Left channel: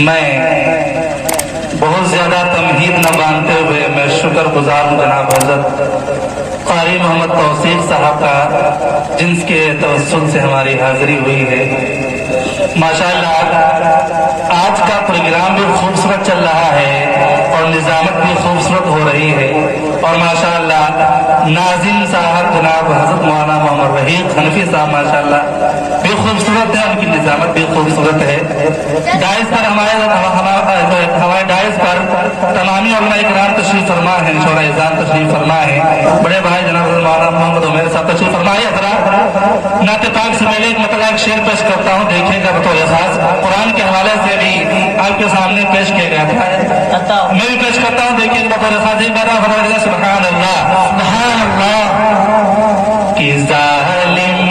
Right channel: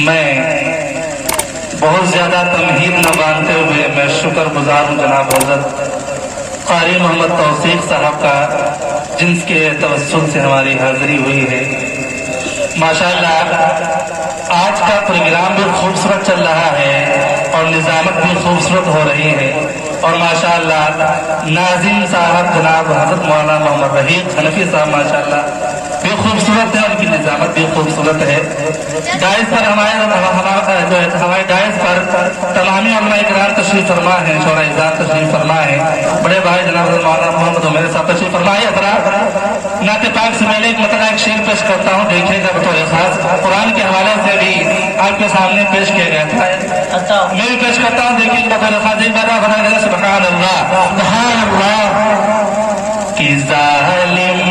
میں بہت زیادہ تمہید نہ مانتے ہوئے میں شکر گزار ہوں جناب حضرت قاری محمد توصیف صاحب کا، جن کے توسل سے ہماری حاضری ہوئی ہے۔ ماشاءاللہ آج کا پروگرام بھی خوبصورت چل رہا ہے اور نظامت بھی خوبصورت ہو رہی ہے، اور ماشاءاللہ ناظم صاحب جناب حضرت مولانا محمد رحیم حنفی صاحب ماشاءاللہ بھی خوبصورت ہے، ان کی نظامت بھی خوبصورت ہے۔ دائز پر ہمارے دائز پر تمامی علماء اکرام تشریف فرما ہے، شورا اعزام تشریف فرما ہے، بڑے بھائی جناب مولانا محمد عمیر صاحب تشریف فرمائیے۔ حضرات نعت پاک سے میں ایک مطلع ایک شعر پیش کرتا ہوں، دیکھیے گا بطور خاص قرآن کے حوالے سے بھی آپ کے سامنے پیش کیا گیا تھا، میں بھی پیش کرتا ہوں، دیکھیے گا بطور خاص۔ ایک بار سبحان اللہ سبحان اللہ کہ ظالم